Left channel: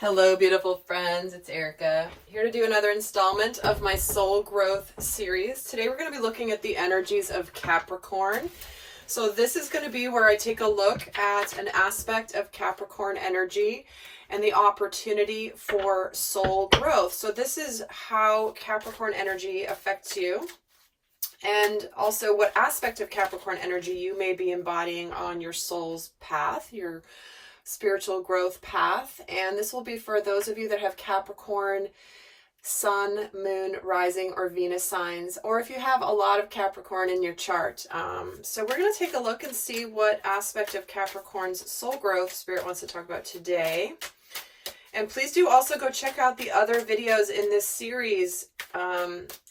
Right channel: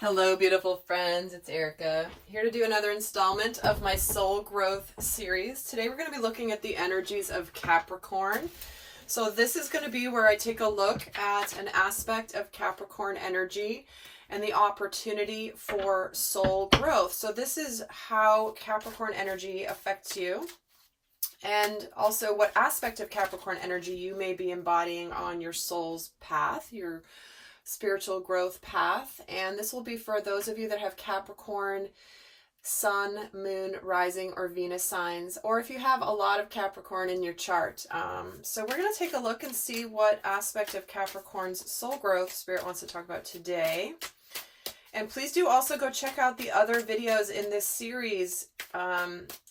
Hello, beautiful friends. It's Erika here to do another installment of my soul growth series. Today we're going to be looking at the energies of Capricorn. So this is going to be where I take a look at an aspect of Capricorn energy and the opportunity for soul growth. So this is how Capricorn energy affects you, and also what aspect of Capricorn energy you may be embodying on your soul's path, your spiritual growth path. And this will be for those of you that have Capricorn sun, moon, rising, or Venus signs, or if you have a lot of Capricorn in your chart. So we're going to take a look and see what aspect of Capricorn's soul growth Spirit wants to talk about today. And please do also go check out the other videos in this series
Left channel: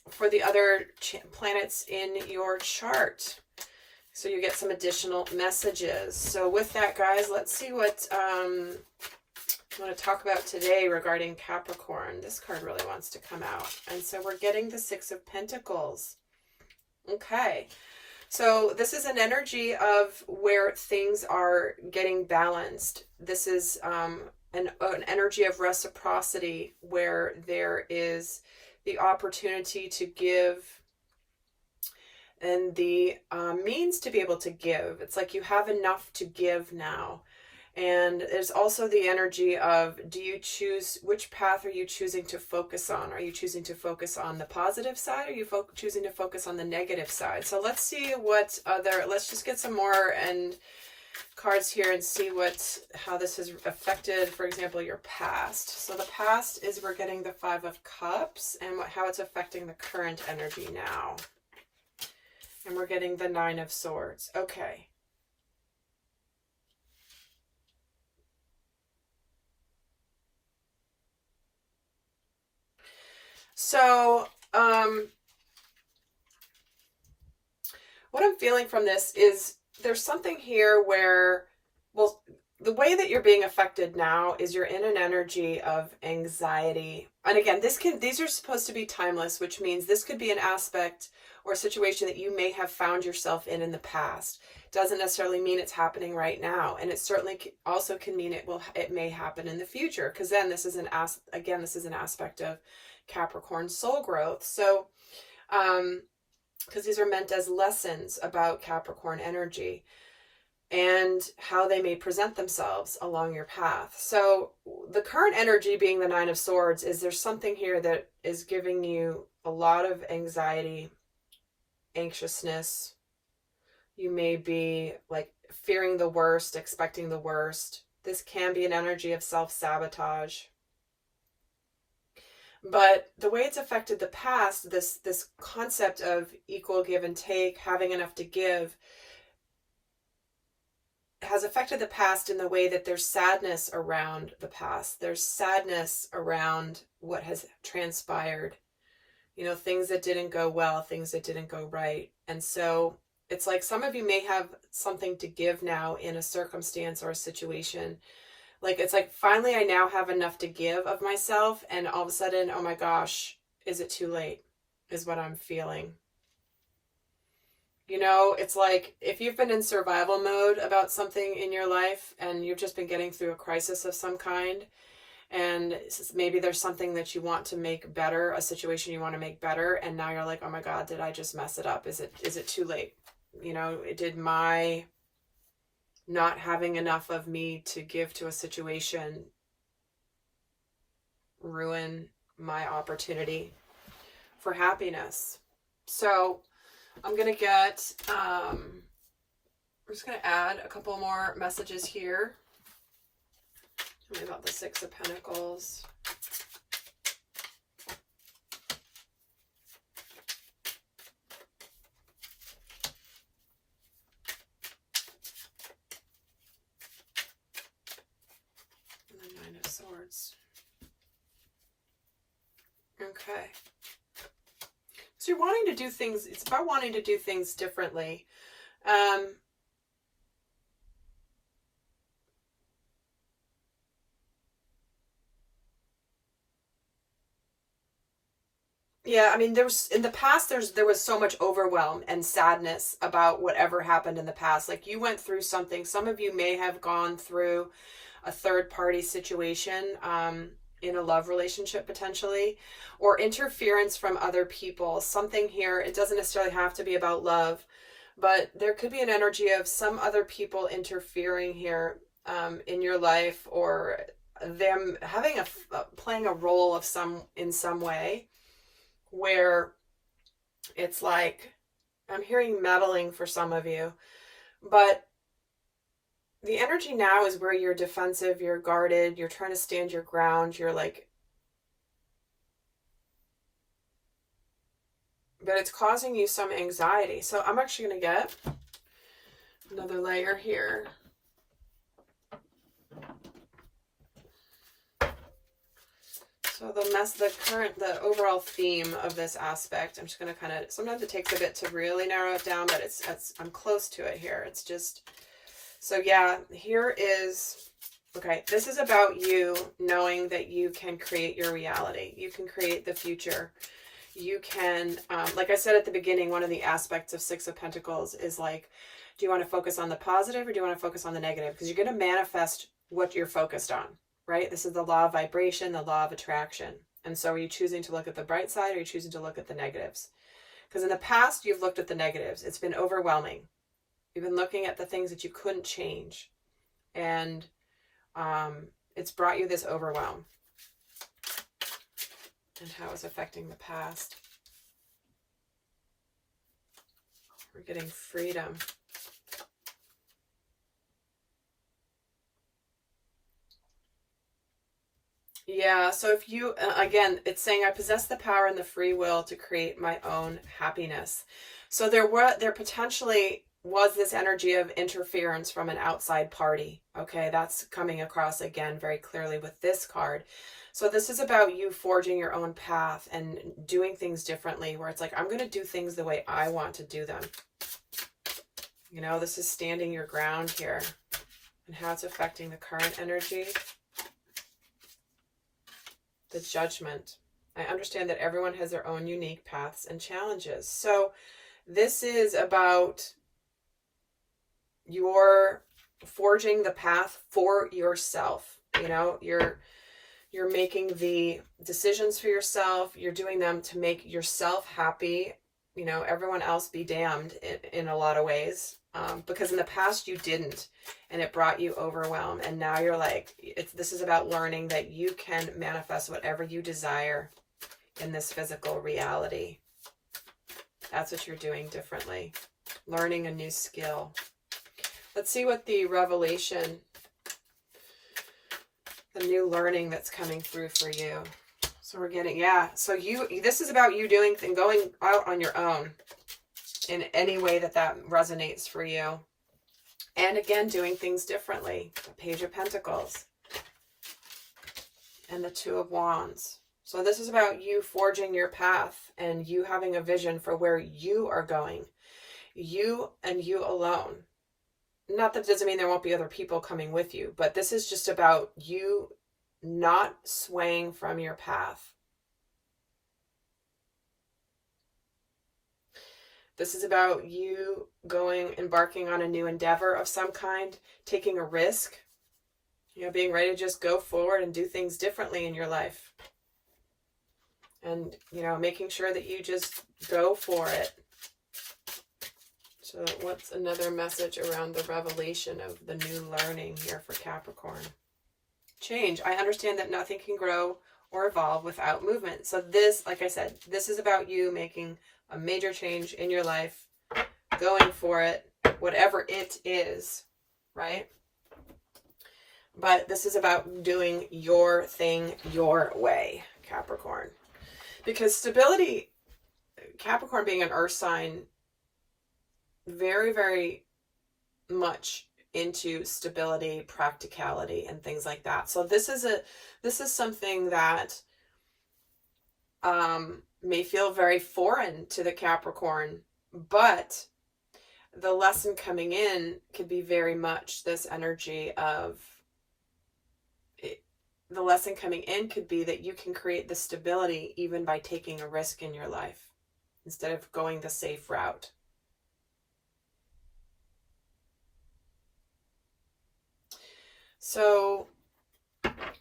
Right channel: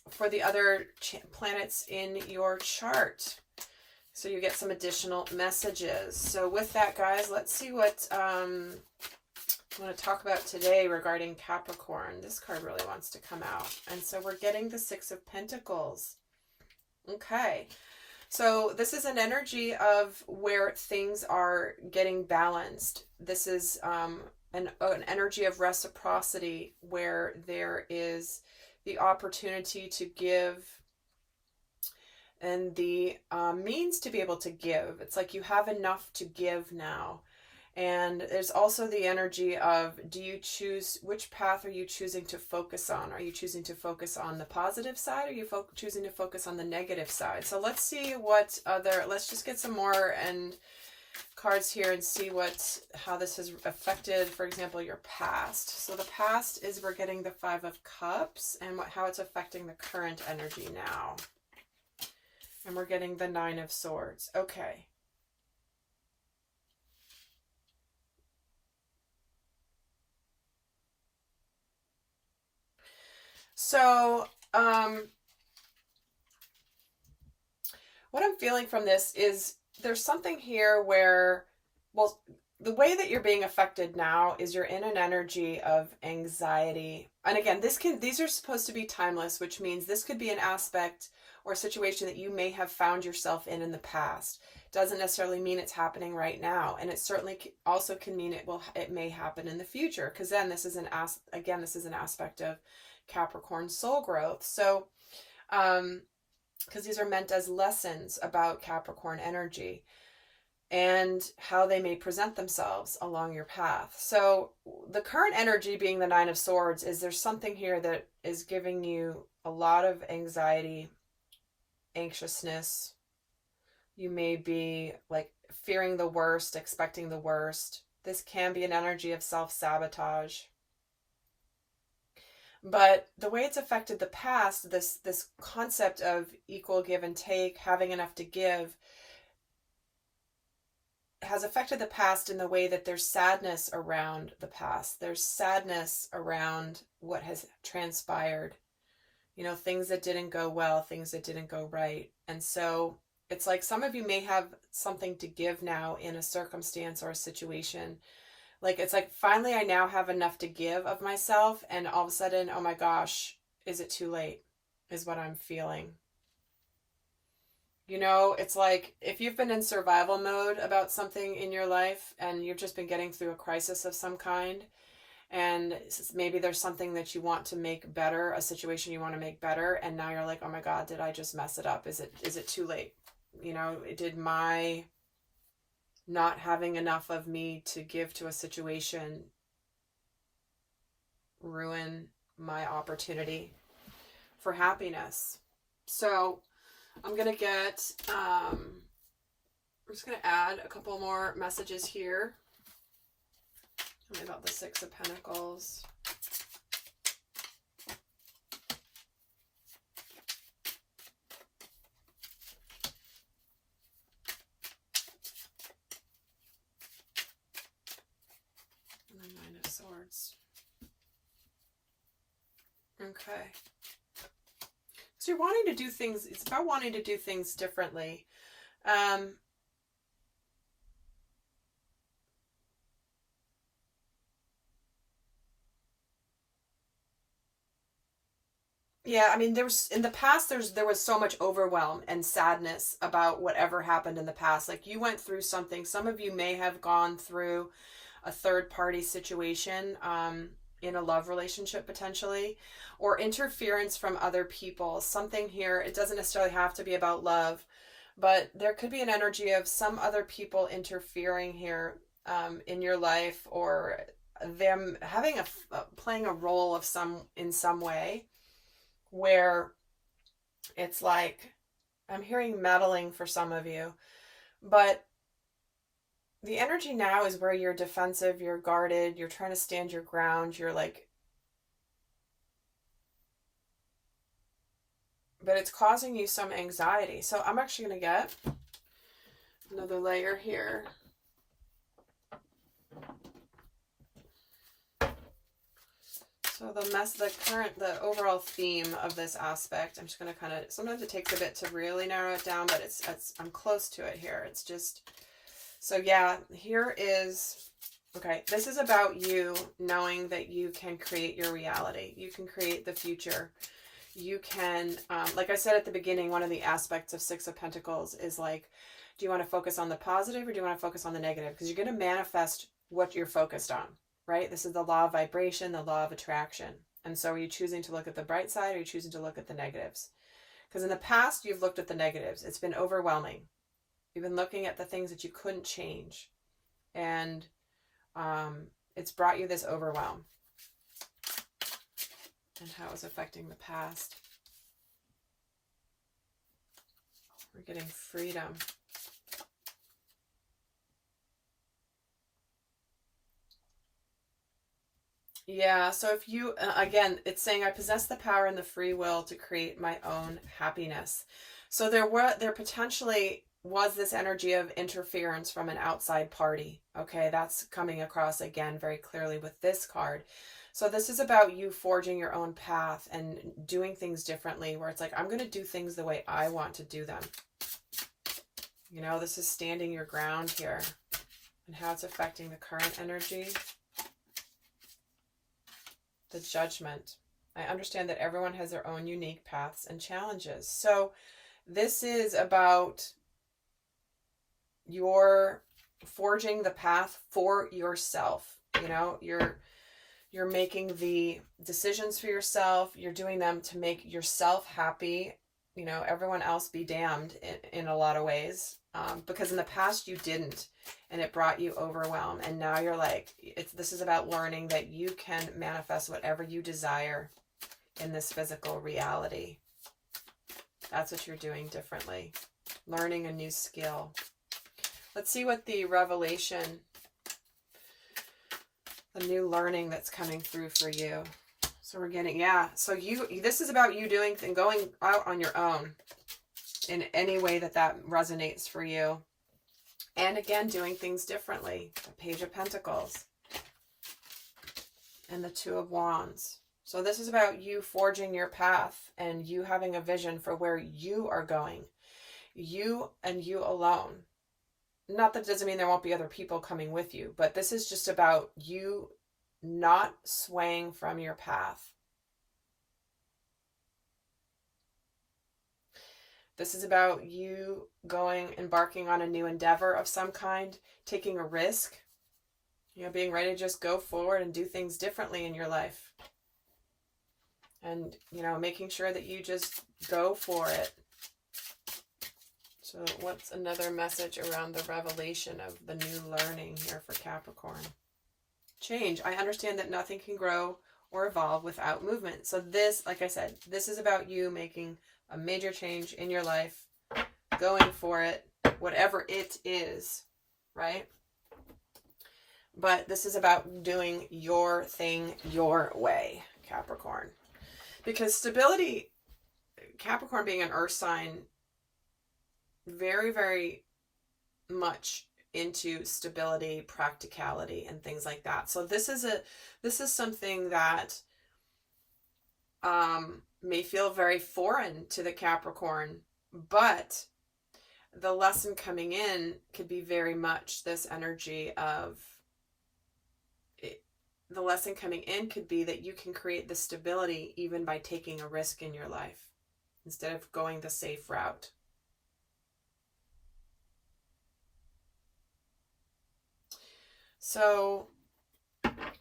for the other planets in your chart, so you get some additional messages. So with that, guys, let's see what I want to talk about today regarding Capricorn. This card really wants to come out. And so we're getting the Six of Pentacles. Okay. So this is an energy of where things are getting balanced. This is an energy of reciprocity, where there is the opportunity to give and the means to be able to give. It's like you have enough to give now. And there's also the energy of, do you choose, which path are you choosing to focus on? Are you choosing to focus on the positive side, or are you choosing to focus on the negative side? So let's see what let's just get some more and cards here and see how this has affected, for example, your past. So the past is, we're getting the Five of Cups, and how it's affecting the current energy now. And we're getting the Nine of Swords. Okay. So, what I'm feeling from this is there's something here where, well, the way that you're being affected now is you're in an energy of anxiety. And again, these are supposed to be timeless, which means this could be an aspect or a situation that you may have found yourself in the past. Doesn't necessarily mean it's happening right now, and it certainly also can mean it may happen in the future, because then this is an aspect of Capricorn soul growth. So because these are meant as lessons about Capricorn energy and how they may present themselves along your path. So the current energy, being the Nine of Swords, is there's something here that is giving you a lot of anxiety, anxiousness. You may be like fearing the worst, expecting the worst. This can be an energy of self-sabotage. But the way it's affected the past, this concept of equal give and take, having enough to give, has affected the past in the way that there's sadness around the past. There's sadness around what has transpired. You know, things that didn't go well, things that didn't go right. And so it's like some of you may have something to give now in a circumstance or a situation. Like, it's like, finally, I now have enough to give of myself. And all of a sudden, oh my gosh, is it too late? Is what I'm feeling. You know, it's like if you've been in survival mode about something in your life and you've just been getting through a crisis of some kind, and maybe there's something that you want to make better, a situation you want to make better, and now you're like, oh my God, did I just mess it up? Is it too late? You know, did my not having enough of me to give to a situation ruin my opportunity for happiness? So I'm going to we're just going to add a couple more messages here. Tell me about the Six of Pentacles. And the Nine of Swords. Okay. So you're wanting to do things, it's about wanting to do things differently. Yeah, I mean, in the past, there was so much overwhelm and sadness about whatever happened in the past. Like, you went through something. Some of you may have gone through a third party situation, in a love relationship potentially, or interference from other people. Something here, it doesn't necessarily have to be about love, but there could be an energy of some other people interfering here, in your life, or them having playing a role of in some way, where it's like, I'm hearing meddling for some of you, but the energy now is where you're defensive, you're guarded, you're trying to stand your ground, you're like, but it's causing you some anxiety. So I'm actually going to get another layer here. So the overall theme of this aspect, I'm just going to kind of, sometimes it takes a bit to really narrow it down, but I'm close to it here. It's just, so yeah, here is, okay, this is about you knowing that you can create your reality. You can create the future. You can, like I said at the beginning, one of the aspects of Six of Pentacles is like, do you want to focus on the positive or do you want to focus on the negative? Because you're going to manifest what you're focused on, right? This is the law of vibration, the law of attraction. And so are you choosing to look at the bright side, or are you choosing to look at the negatives? Because in the past, you've looked at the negatives. It's been overwhelming. You've been looking at the things that you couldn't change. And it's brought you this overwhelm. And how it's affecting the past. We're getting freedom. Yeah, so if you, again, it's saying, I possess the power and the free will to create my own happiness. So there potentially was this energy of interference from an outside party. Okay, that's coming across again very clearly with this card. So this is about you forging your own path and doing things differently, where it's like, I'm going to do things the way I want to do them. You know, this is standing your ground here, and how it's affecting the current energy. The Judgment. I understand that everyone has their own unique paths and challenges. So this is about your forging the path for yourself. You know, you're making the decisions for yourself. You're doing them to make yourself happy. You know, everyone else be damned in a lot of ways. Because in the past you didn't, and it brought you overwhelm. And now you're like, this is about learning that you can manifest whatever you desire in this physical reality. That's what you're doing differently. Learning a new skill. Let's see what the revelation, the new learning that's coming through for you. So we're getting, yeah. So this is about you doing and going out on your own in any way that resonates for you. And again, doing things differently. The Page of Pentacles. And the Two of Wands. So this is about you forging your path and you having a vision for where you are going. You and you alone. Not that it doesn't mean there won't be other people coming with you, but this is just about you not swaying from your path. This is about you embarking on a new endeavor of some kind, taking a risk, you know, being ready to just go forward and do things differently in your life. And, you know, making sure that you just go for it. So what's another message around the revelation of the new learning here for Capricorn? Change. I understand that nothing can grow or evolve without movement. So this, like I said, this is about you making a major change in your life, going for it, whatever it is, right? But this is about doing your thing your way, Capricorn. Because stability, Capricorn being an earth sign, very, very much into stability, practicality, and things like that. So this is something that may feel very foreign to the Capricorn, but the lesson coming in could be very much this energy of it. The lesson coming in could be that you can create the stability even by taking a risk in your life instead of going the safe route. So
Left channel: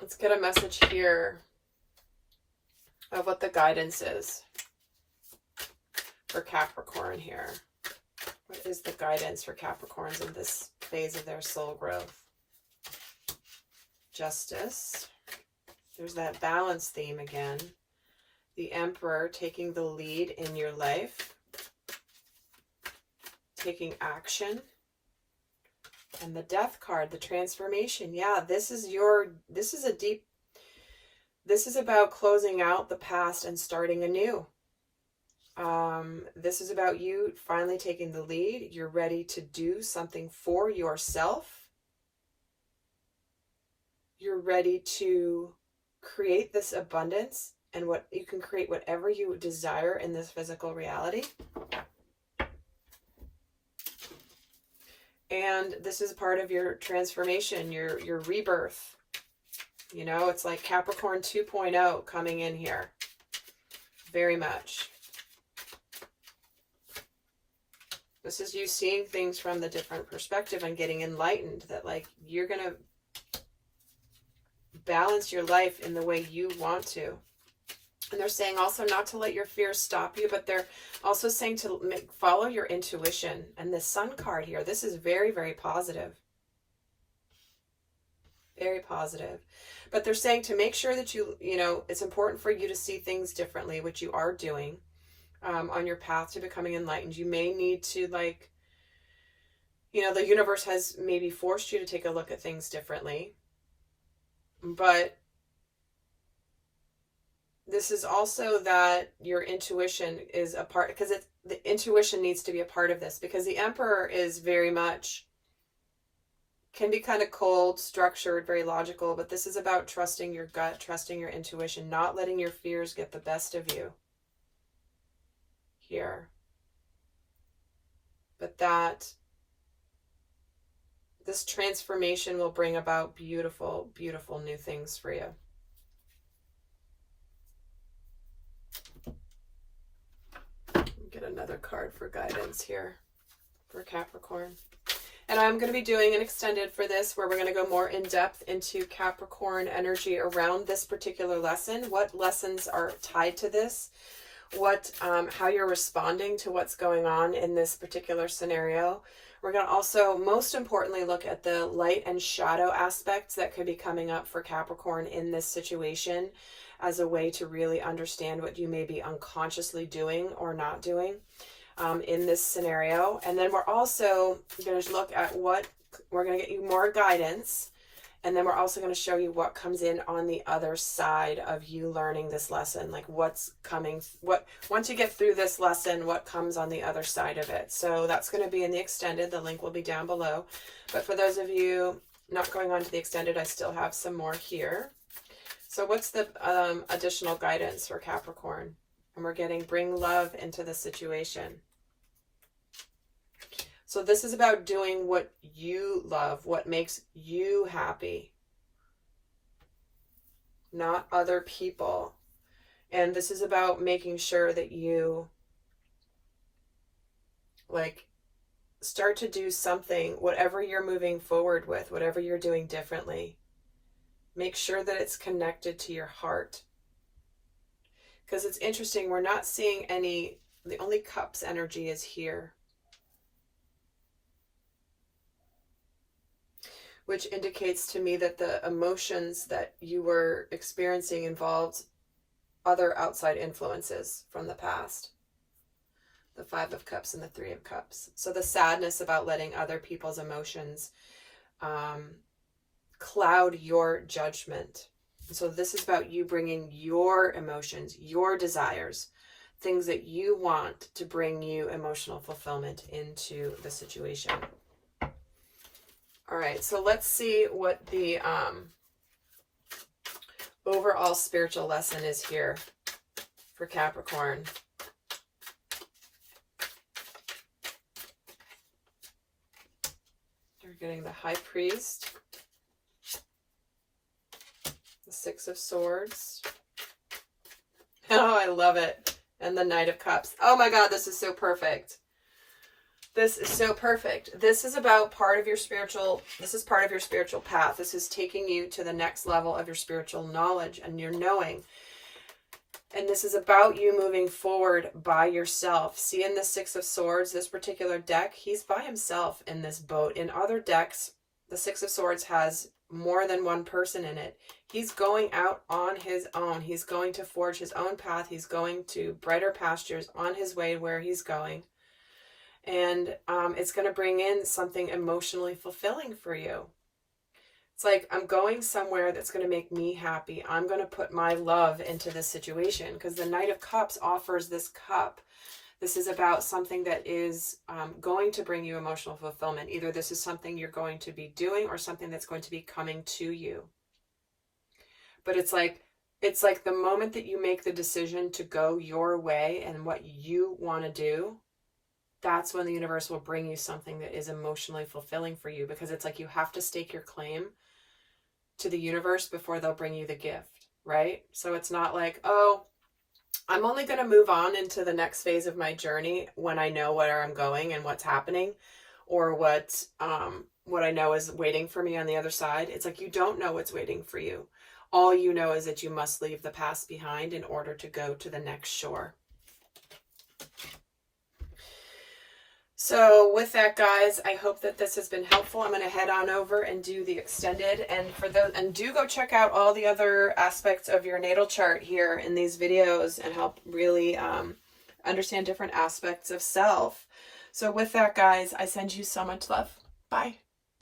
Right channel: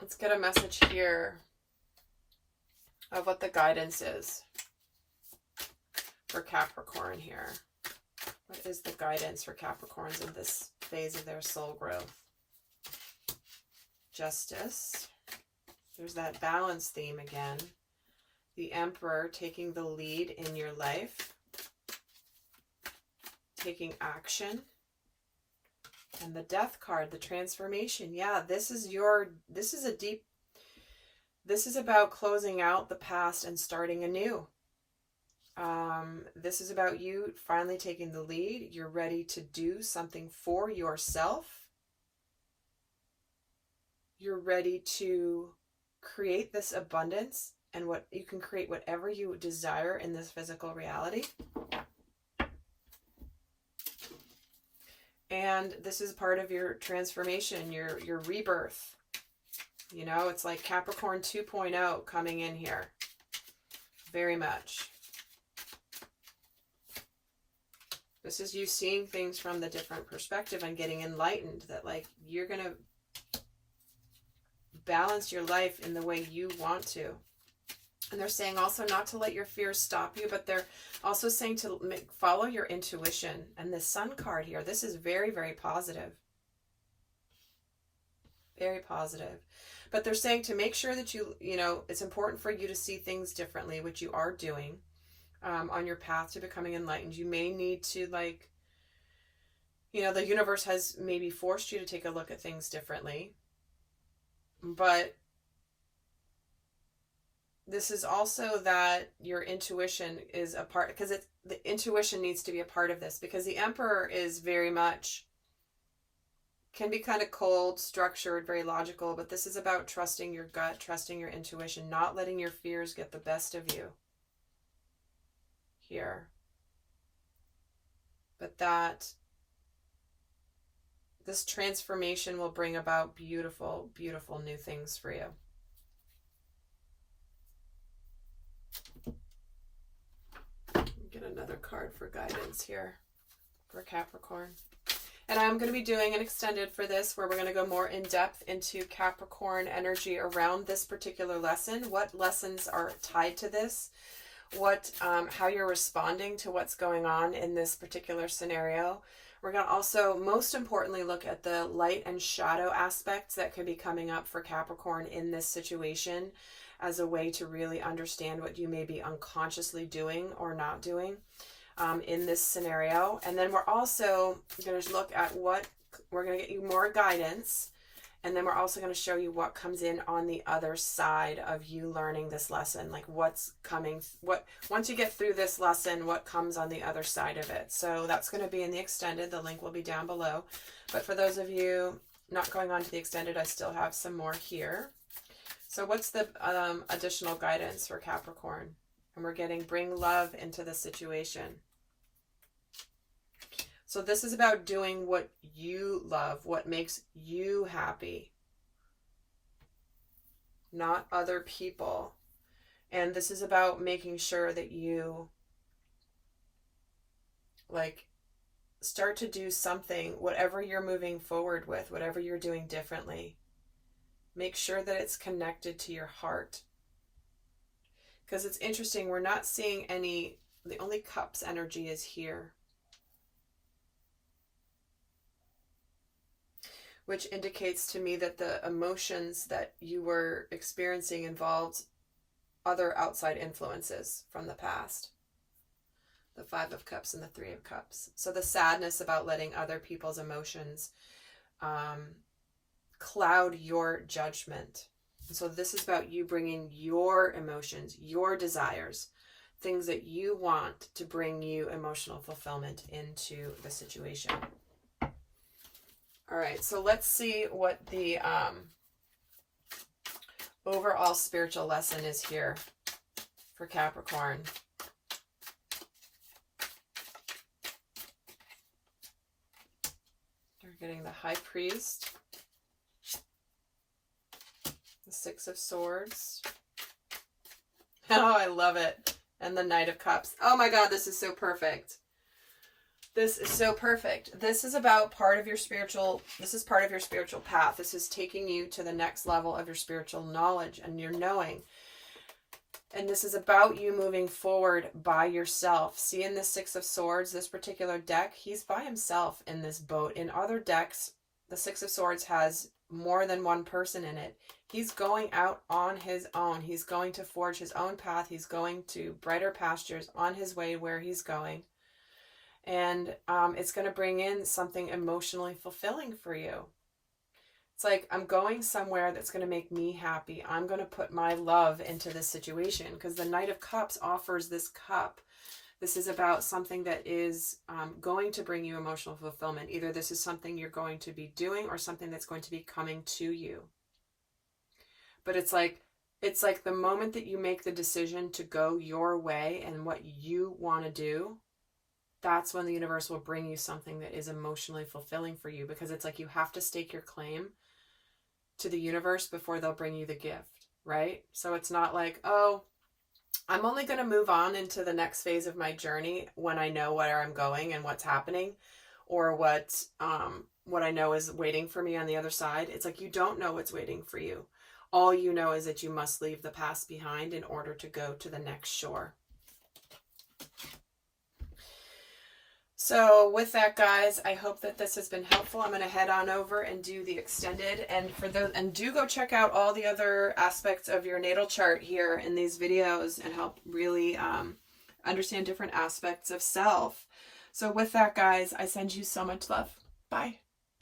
Let's get a message here of what the guidance is for Capricorn here. What is the guidance for Capricorns in this phase of their soul growth? Justice. There's that balance theme again. The Emperor taking the lead in your life. Taking action. And the Death card, the transformation. Yeah, this is about closing out the past and starting anew. This is about you finally taking the lead. You're ready to do something for yourself. You're ready to create this abundance, and what you can create whatever you desire in this physical reality. And this is part of your transformation, your rebirth. You know, it's like Capricorn 2.0 coming in here. Very much. This is you seeing things from the different perspective and getting enlightened, that like you're going to balance your life in the way you want to. And they're saying also not to let your fears stop you, but they're also saying to follow your intuition. And the Sun card here, this is very, very positive. Very positive. But they're saying to make sure that you know, it's important for you to see things differently, which you are doing on your path to becoming enlightened. You may need to, like, you know, the universe has maybe forced you to take a look at things differently. But this is also that your intuition is a part, because the intuition needs to be a part of this, because the Emperor is very much, can be kind of cold, structured, very logical, but this is about trusting your gut, trusting your intuition, not letting your fears get the best of you here. But that this transformation will bring about beautiful, beautiful new things for you. Get another card for guidance here for Capricorn. And I'm going to be doing an extended for this, where we're going to go more in depth into Capricorn energy around this particular lesson. What lessons are tied to this? What, how you're responding to what's going on in this particular scenario. We're going to also, most importantly, look at the light and shadow aspects that could be coming up for Capricorn in this situation, as a way to really understand what you may be unconsciously doing or not doing in this scenario. And then we're also going to look at we're going to get you more guidance. And then we're also going to show you what comes in on the other side of you learning this lesson, like what's coming, once you get through this lesson, what comes on the other side of it. So that's going to be in the extended. The link will be down below. But for those of you not going on to the extended, I still have some more here. So what's the additional guidance for Capricorn? And we're getting bring love into the situation. So this is about doing what you love, what makes you happy, not other people. And this is about making sure that you, like, start to do something, whatever you're moving forward with, whatever you're doing differently. Make sure that it's connected to your heart. Because it's interesting, we're not seeing any, the only cups energy is here. Which indicates to me that the emotions that you were experiencing involved other outside influences from the past. The 5 of Cups and the 3 of Cups. So the sadness about letting other people's emotions cloud your judgment. So this is about you bringing your emotions, your desires, things that you want to bring you emotional fulfillment into the situation. All right, so let's see what the overall spiritual lesson is here for Capricorn. You're getting the High Priest, the 6 of Swords. Oh, I love it. And the Knight of Cups. Oh my God, this is so perfect. This is so perfect. This is about part of your spiritual, this is part of your spiritual path. This is taking you to the next level of your spiritual knowledge and your knowing. And this is about you moving forward by yourself. See, in the Six of Swords, this particular deck, he's by himself in this boat. In other decks, the Six of Swords has more than one person in it. He's going out on his own. He's going to forge his own path. He's going to brighter pastures on his way where he's going. And it's going to bring in something emotionally fulfilling for you. It's like, I'm going somewhere that's going to make me happy. I'm going to put my love into this situation, because the Knight of Cups offers this cup. This is about something that is going to bring you emotional fulfillment. Either this is something you're going to be doing or something that's going to be coming to you. But it's like the moment that you make the decision to go your way and what you want to do, that's when the universe will bring you something that is emotionally fulfilling for you, because it's like you have to stake your claim to the universe before they'll bring you the gift, right? So it's not like, oh, I'm only going to move on into the next phase of my journey when I know where I'm going and what's happening, or what I know is waiting for me on the other side. It's like, you don't know what's waiting for you. All you know is that you must leave the past behind in order to go to the next shore. So with that, guys, I hope that this has been helpful. I'm going to head on over and do the extended, and do go check out all the other aspects of your natal chart here in these videos and help really understand different aspects of self. So with that, guys, I send you so much love. Bye.